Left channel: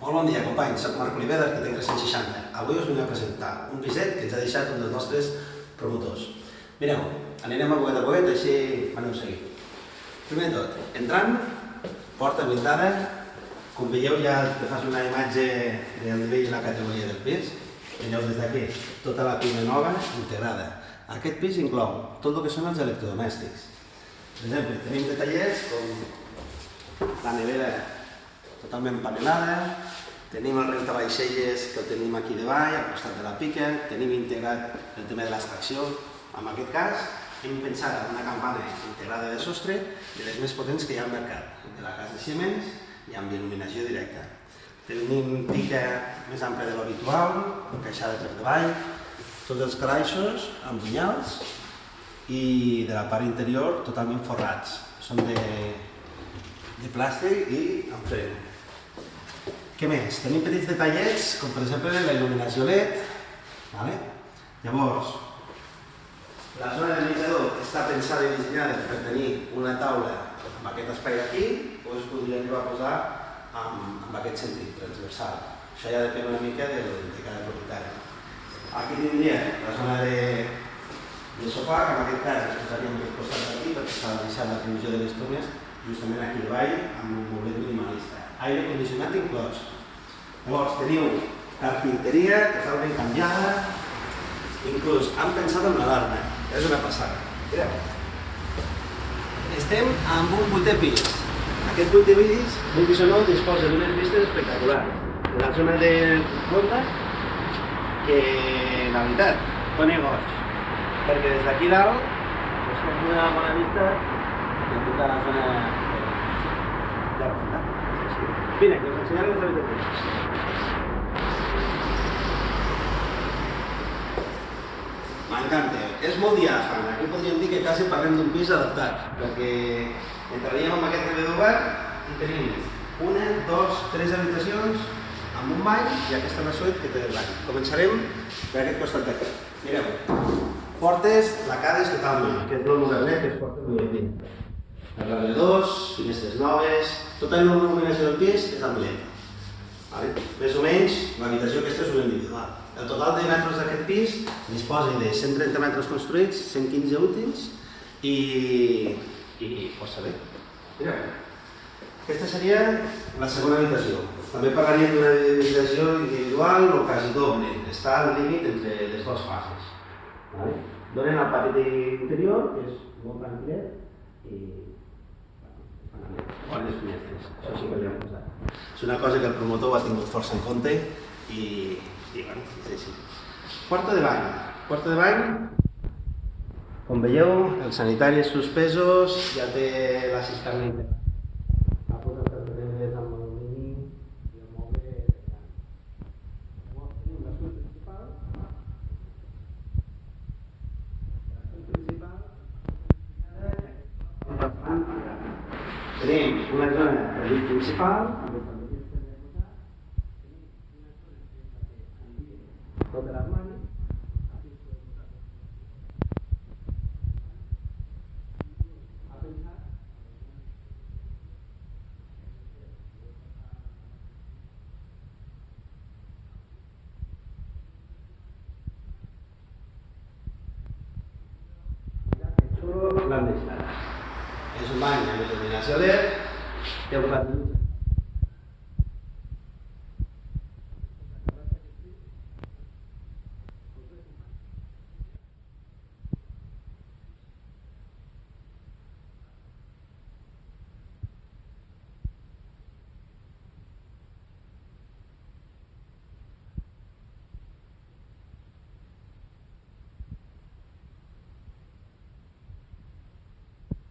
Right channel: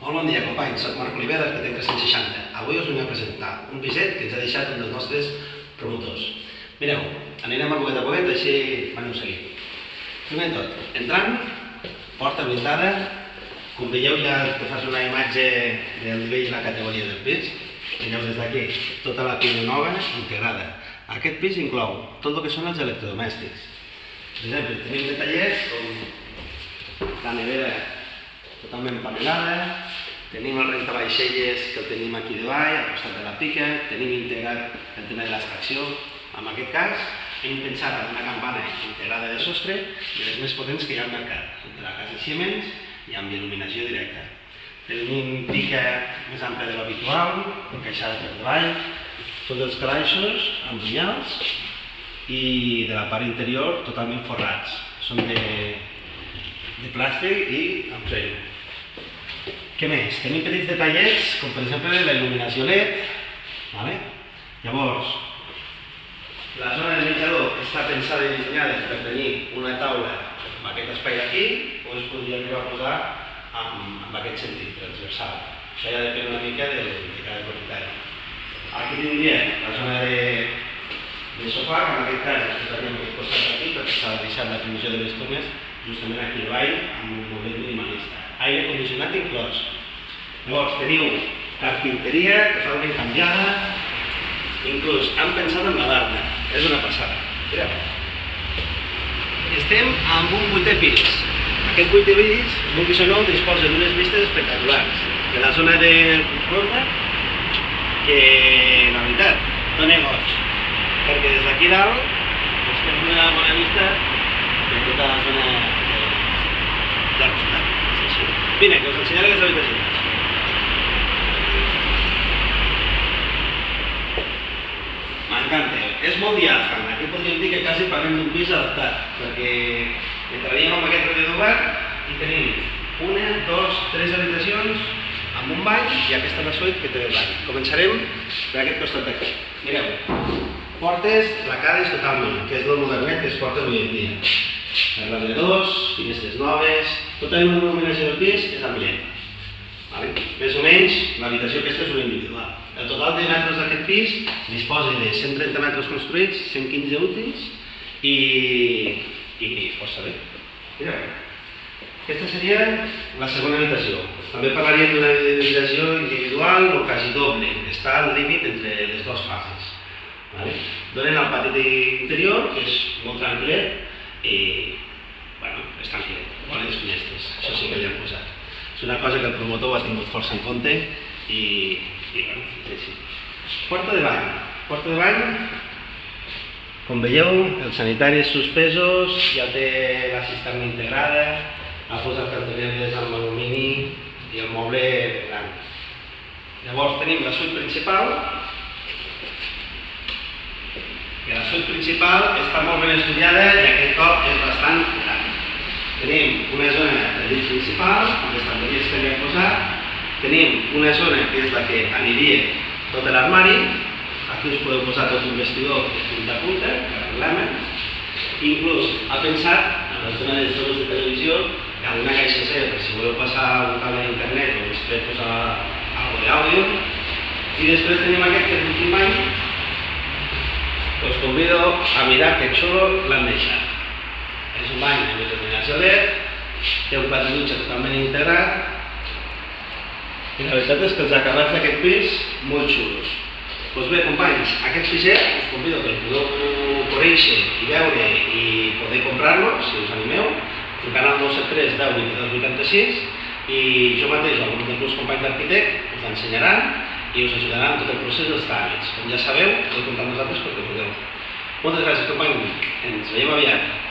Molt bon dia, companys. Soc Marc Oliver, d'Arquitecte 360. Avui us vinc a presentar un piset que ens ha deixat un dels nostres promotors. Mireu, anirem a poquet a poquet, així m'aneu seguint. Primer de tot, entrant, porta blindada. Com veieu, ja te fas una imatge del nivell i la categoria del pis. Mireu des d'aquí, tota la cuina nova integrada. Aquest pis inclou tot el que són els electrodomèstics. Per exemple, tenim detallets com la nevera totalment panelada, tenim el rentavaixelles que el tenim aquí davall, al costat de la pica, tenim integrat el tema de l'extracció. En aquest cas, hem pensat en una campana integrada de sostre de les més potents que hi ha al mercat, de la casa Siemens i amb il·luminació directa. Tenim pica més àmplia de l'habitual, encaixada per davall, tots els calaixos amb punyals i de la part interior totalment forrats. Són de plàstic i amb freno. Què més? Tenim petits detallets, com per exemple la il·luminació LED. Llavors, la zona del menjador està pensada i dissenyada per tenir una taula amb aquest espai aquí, o es podria arribar a posar amb aquest sentit, transversal. Això ja depèn una mica de cada propietari. Aquí tindríem la zona de sofà, que en aquest cas es posaria en aquest costat d'aquí, perquè s'ha deixat la provisió de les tomes justament aquí davall, amb un moblet minimalista. Aire condicionat inclòs. Llavors teniu carpinteria totalment canviada, inclús han pensat en l'alarma, és una passada. Mireu. Estem amb un 8è pis. Aquest 8è pis, vulguis o no, disposa d'unes vistes espectaculars. De la zona de ronda, que la veritat dona goig, perquè des d'aquí dalt es pot donar una bona vista de tota la zona de la ciutat. Vine, que us ensenyaré les habitacions. M'encanta, és molt diàfan. Aquí podríem dir que quasi parlem d'un pis adaptat, perquè entraríem amb aquest rededor obert i tenim una, dos, tres habitacions amb un bany i aquesta la suite que té el bany. Començarem per aquest costat d'aquí. Mireu, portes placades totalment, que és el modernet que es porta avui en dia. Radiadors, finestres noves, tota la il·luminació del pis és amb LED. Més o menys, l'habitació aquesta és una individual. El total de metres d'aquest pis disposa de 130 metres construïts, 115 útils i força bé. Mireu, aquesta seria la segona habitació. També parlaríem d'una habitació individual o quasi doble. Està al límit entre les dues fases. Donen al pati interior, que és molt tranquil·let, i és tranquil·let, bones finestres, això sí que li hem posat. És una cosa que el promotor ho ha tingut força en compte i és així. Porta de bany. Porta de bany, com veieu, els sanitaris suspesos, ja té la cisterna integrada, ha posat cantoneres amb alumini i el moble gran. Llavors tenim la suite principal, que la suite principal està molt ben estudiada i aquest cop és bastant gran. Tenim una zona de llit principal, amb les estanteries que li hem posat. Tenim una zona que és la que aniria tot l'armari. Aquí us podeu posar tot un vestidor de punta a punta, que arreglem. Inclús ha pensat, en la zona dels jocs de televisió, amb una caixa C, per si voleu passar un cable d'internet o després posar alguna cosa d'àudio. I després tenim aquest que és l'últim bany. Us convido a mirar que xulo l'han deixat. És un bany amb il·luminació LED, té un pati dutxa totalment integrat i la veritat és que els acabats d'aquest pis molt xulos. Doncs bé, companys, aquest piset us convido que el podeu conèixer i veure i poder comprar-lo, si us animeu, trucant al 973 10 22 86 i jo mateix o algun dels meus companys d'arquitect us l'ensenyaran i us ajudaran en tot el procés dels tràmits. Com ja sabeu, podeu comptar amb nosaltres perquè podeu. Moltes gràcies, companys. Ens veiem aviat.